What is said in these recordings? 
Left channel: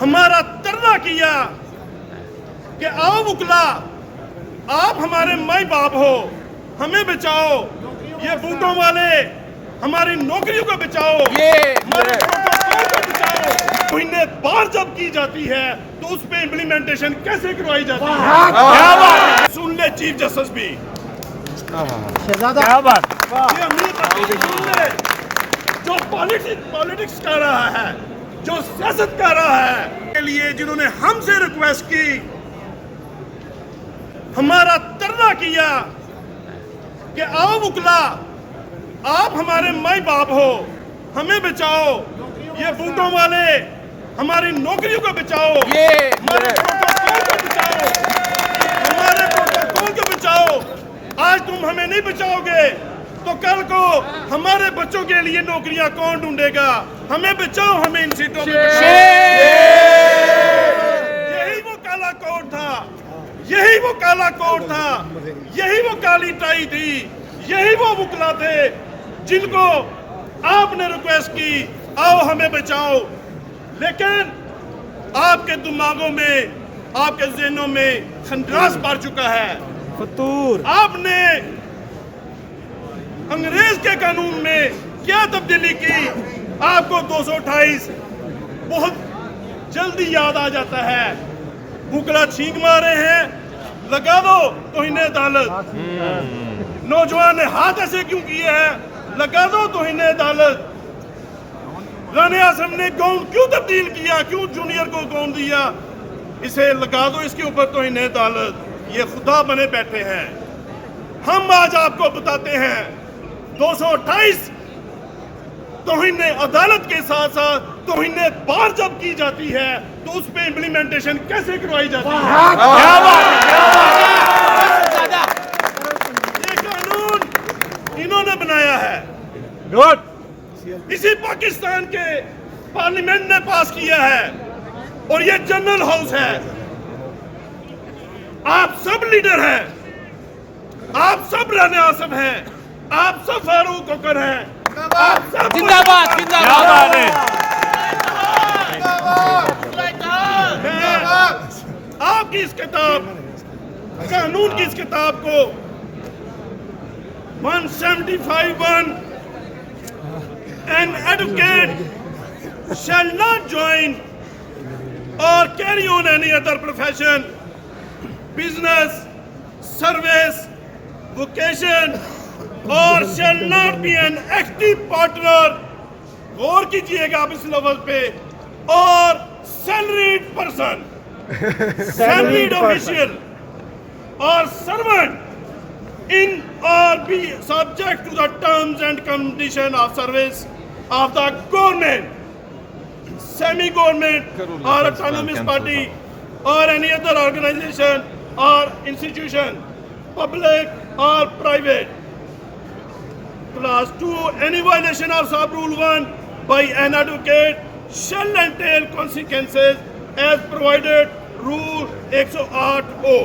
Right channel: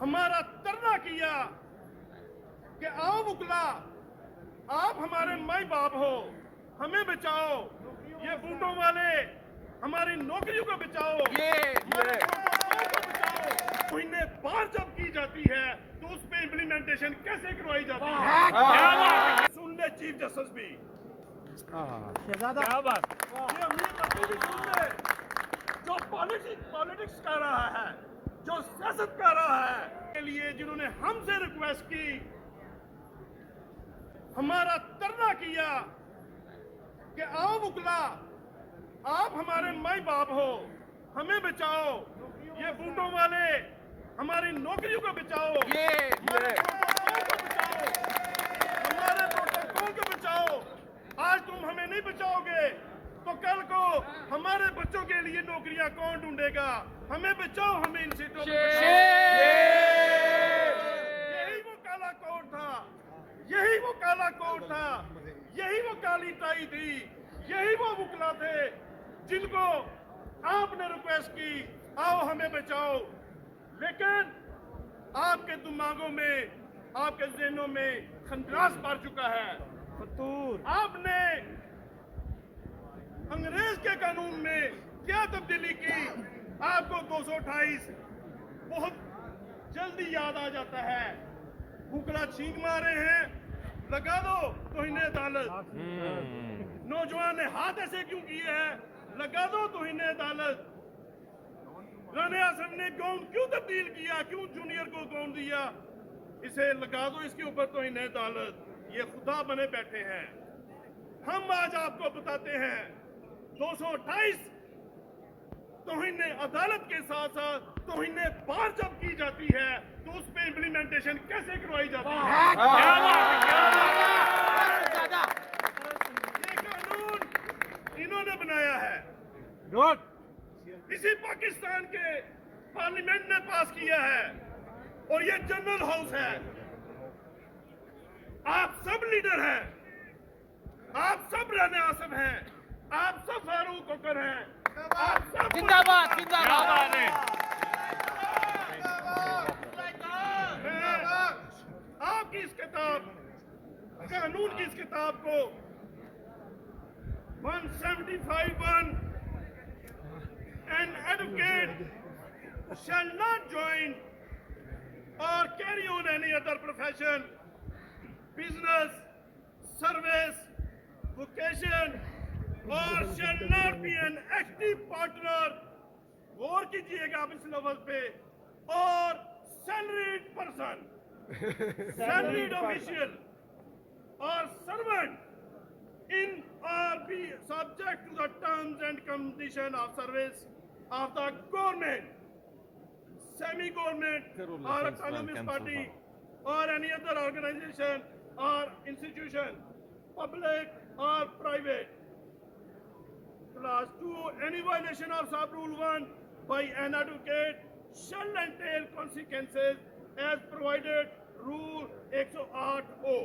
हमारा तरला किया कि आओ मुकला, आप हमारे माई बाप हो, हमें बचाओ, ये बूटों वाले हमारी नौकरियों को बचाओ, हमारे प्रोटोकॉल को बचाओ। महीने बार जब की जाती है तो उस पे इम्प्लीमेंटेशन कैसे करवाई जाती है? सुन ले चीफ जस्टिस भी, क्या बात, ये अमीर सुन ले, जो पॉलिटिक्स कर रहा है, जो सियासत कर रहा है, के लिए जिन्होंने हमसे रिक्वेस्ट की, हमारा तरला किया कि आओ मुकला, आप हमारे माई बाप हो, हमें बचाओ, ये बूटों वाले हमारी नौकरियों को बचाओ, हमारे प्रोटोकॉल को बचाओ, हमारे प्रोटोकॉल को बचाओ। आज तुम हमें नहीं बचाओगे तो कल को हमारे बच्चों के लिए नौकरियां कौन ढूंढेगा? हमें बचाओ, हमें इन सीटों में बचाओ। यही वो काला कोड था, यही वो काला कोड था, यही वो काली टाई थी, यही वो मुकला थे जिनको आपने रिक्वेस्ट की आओ हमें बचाओ। लेकिन आपके दिमागों में, आपके ज़हनों में खंडास पड़ चुका है। आपने अंग्रेज के कानून में क्या तब्दीली की? आपको 228 बहुत जल्दी याद आ जाता है। मुकला छींक मारे हैं, लगा दो तौहीन अदालत। नौजवान ने हाथ ऐसे क्यों किए हैं? लगा दो तौहीन अदालत। राने आज़म ने गाउन क्यों तब्दील किया? क्यों जूनियर को गाउन दिया? इसे लगा दो, इसके ऊपर तौहीन अदालत। ये खुदा बने बैठे हैं। हम आज आपको बताते हैं 228 तौहीन अदालत के साथ साथ तौहीन बार जब की जाती है तो उस पे इम्प्लीमेंटेशन कैसे करवाई जाती है? ये कानून इन्होंने बनाया है, इसी पाकिस्तान के पार्लियामेंट ने पास किया है, और ये जनरल हाउस है। आप सब लीडर हैं, आप सब राना आज़म हैं, आप सब फारूक कोकर हैं, आप सब जिंदाबाद, जिंदाबाद। आपकी इस किताब, कानून की इस किताब को 175(1) An advocate shall not join or carry on any other profession, business, service, vocation, or shall not be an active partner, गौर कीजिएगा आप इस लफ्ज पे, और salaried person, salaried official or servant in or be subject to the terms and conditions of service of the government, semi-government or autonomous party or any other organization or institution, public or private. Clause 2, any violation of sub-rule 1 by an advocate shall entail consequences as provided rule 108O.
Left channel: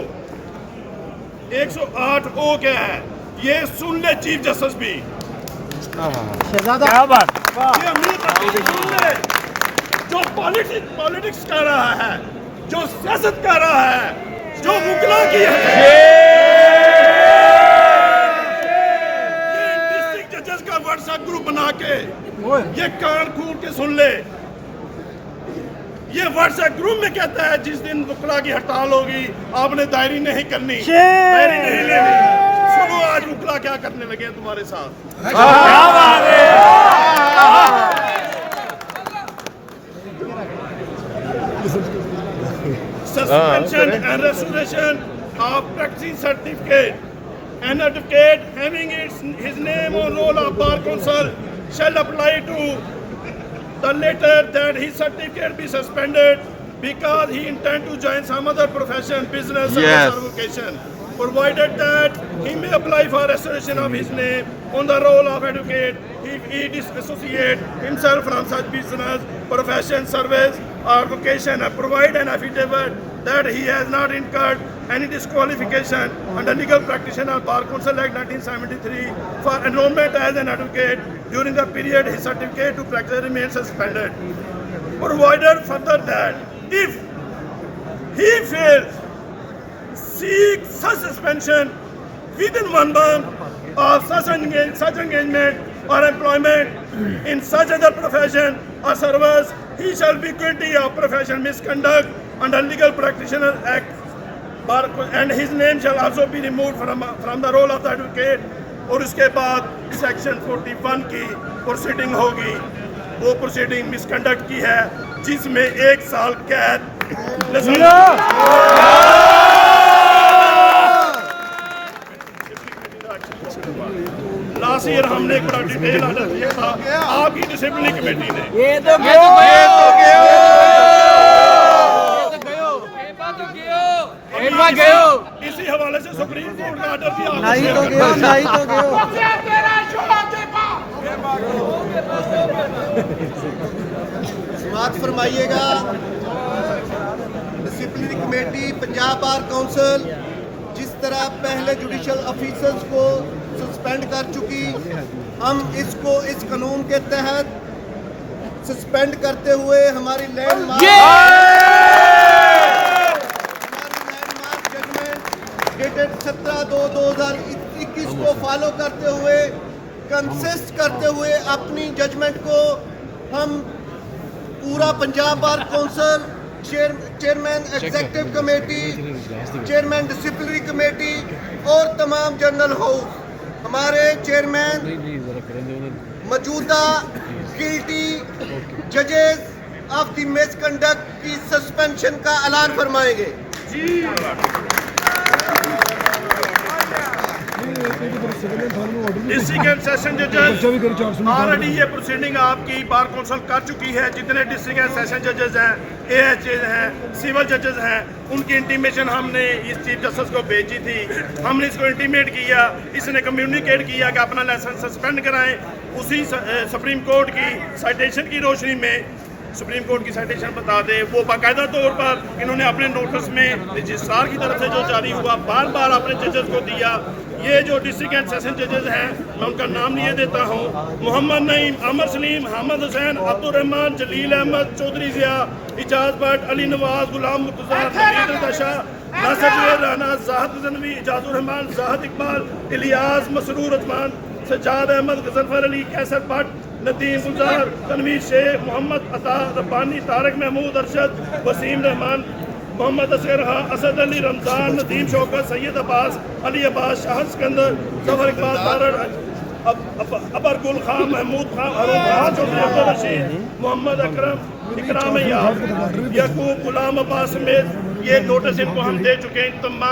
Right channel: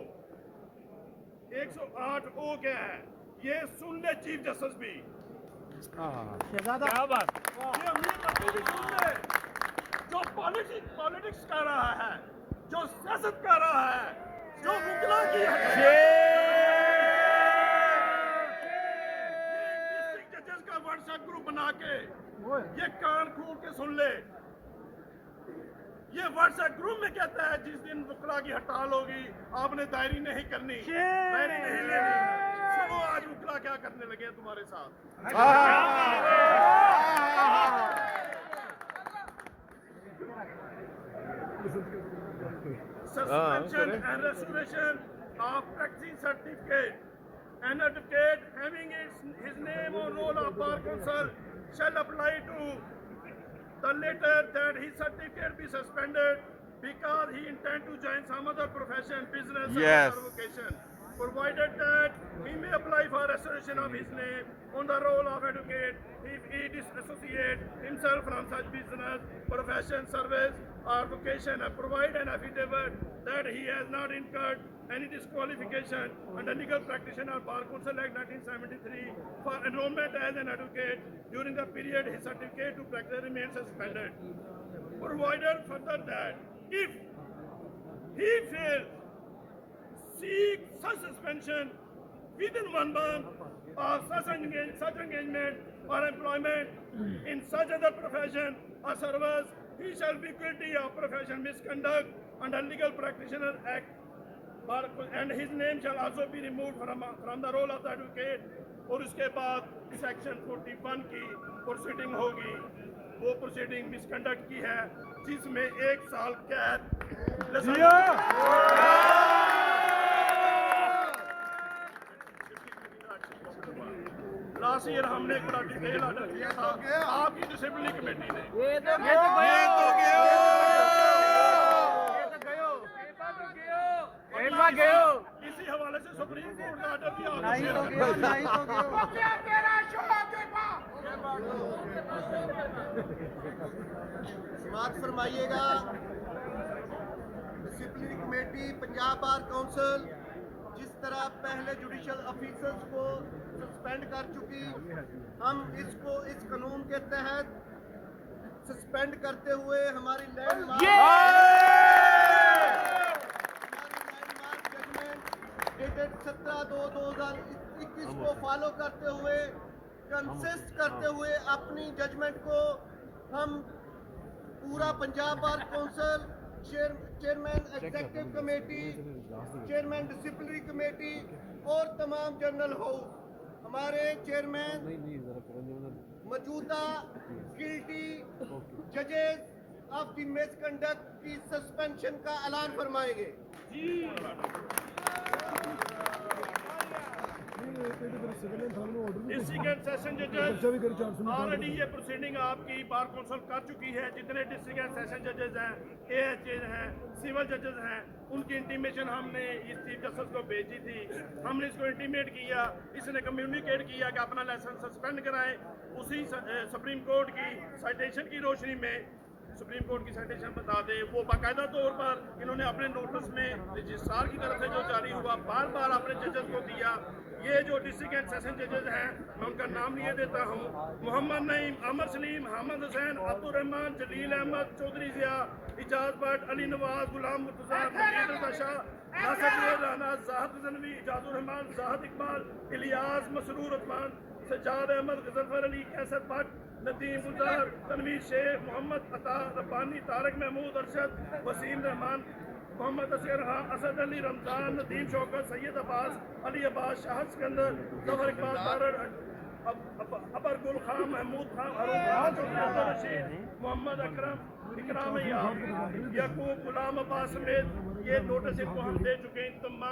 108O क्या है? ये सुन ले chief justice भी, क्या बात, ये अमीर सुन ले, जो पॉलिटिक्स कर रहा है, जो सियासत कर रहा है, जो मुकला की है, ये डिस्ट्रिक्ट जजेस का व्हाट्सएप ग्रुप बना के ये कान खून के सुन ले। ये व्हाट्सएप ग्रुप में कहता है जिस दिन मुकला की हड़ताल होगी आपने दायरी नहीं करनी, दायरी नहीं लेनी। सुनो आज मुकला क्या करने लगे हैं तुम्हारे साथ। Suspension and restoration of practicing certificate. An advocate having his name or roll of bar council shall apply to the letter that his certificate be suspended because he intend to join some other profession, business, or vocation. Provided that he may apply for restoration of his name on the roll of advocate if he disassociate himself from such business, profession, service, or vocation, and provide an affidavit that he has not incurred any disqualification under legal practitioner of Bar Council Act 1973 for enrollment as an advocate during the period his certificate to practice remains suspended. provided further that if he fails, seek such suspension within 1 month of such engagement or employment in such other profession or service, he shall be guilty of professional misconduct under Legal Practitioner Act, and his name shall also be removed from the role of the advocate. और उसके बाद section 41 की proceeding होगी। वो proceeding misconduct की है जिसमें 1 साल कैद। लास्ट ईयर हमने एक बड़ा डिटेल ऑर्डर किया था आपकी डिसिप्लिनरी कमेटी ने। इसी हवाले से सुप्रीम कोर्ट का ऑर्डर भी समाप्त फरमाइएगा। Disciplinary committee Punjab bar council जिस तरह पहले जुडिशल ऑफिसर्स को सस्पेंड कर चुकी, हम इसको इस कानून के तहत सस्पेंड करते हुए हमारी लैंडमार्क जजमेंट डेटेड 17/2/2021 को फॉलो करते हुए, कंसिस्ट करते हुए अपनी जजमेंट को हम पूरा Punjab bar council, chairman executive committee, chairman disciplinary committee और तमाम जनरल हाउस, हमारे चेयरमैन मौजूदा गिल्टी जजेस ऑफ द मिसकंडक्ट की सस्पेंशन का ऐलान फरमाएंगे। डिस्ट्रिक्ट सेशन जजेस ऑलरेडी ये प्रोसीडिंग आपकी बार काउंसिल कर चुकी है। जितने डिस्ट्रिक्ट सेशन जजेस हैं, AHA हैं, सिविल जजेस हैं, उनकी इंटीमेशन हमने इस चीफ जस्टिस को भेजी थी। हमने इसको इंटीमेट किया, इसने कम्युनिकेट किया कि अपना लाइसेंस सस्पेंड कराएं। उसी सुप्रीम कोर्ट की साइटेशन की रोशनी में, सुप्रीम कोर्ट की साइटेशन बता दे, वो बाकायदा तौर पर इन्होंने अपने नोटिस में रजिस्ट्रार की तरफ से जो जारी हुआ बार बार अपने जजेस को दिया। ये जो डिस्ट्रिक्ट एंड सेशन जजेस हैं, मैं उनका नाम लिए देता हूँ: मोहम्मद नईम, अमर सलीम, हामिद हुसैन, अब्दुल रहमान, जलील अहमद, चौधरी जिया, इजाज भट्ट, अली नवाज, गुलाम मुर्तजा, हमीद रजा, नासिर जुबैर राना, जाहिद गजनवी, इजाजुर रहमान, जाहिद इकबाल, इलियास, मसरूर उस्मान, सज्जाद अहमद, गजनफर अली, कैसर भट्ट, नदीम गुलजार, तनवीर शेख, मोहम्मद अता, रब्बानी, तारक महमूद, अरशद, वसीम रहमान, मोहम्मद असगर, असद अली, रमजान, नदीम शौकत, सैयद अब्बास, अली अब्बास, शाहद सिकंदर, जफर इकबाल, तारड़, अबर गुल खान, महमूद खान, अरुण खान, चौधरी अब्दुल रशीद, मोहम्मद अकरम, इकराम याब, यकूब, गुलाम अब्बास समेत ये नोटिस इनको हम दे चुके हैं। तमाम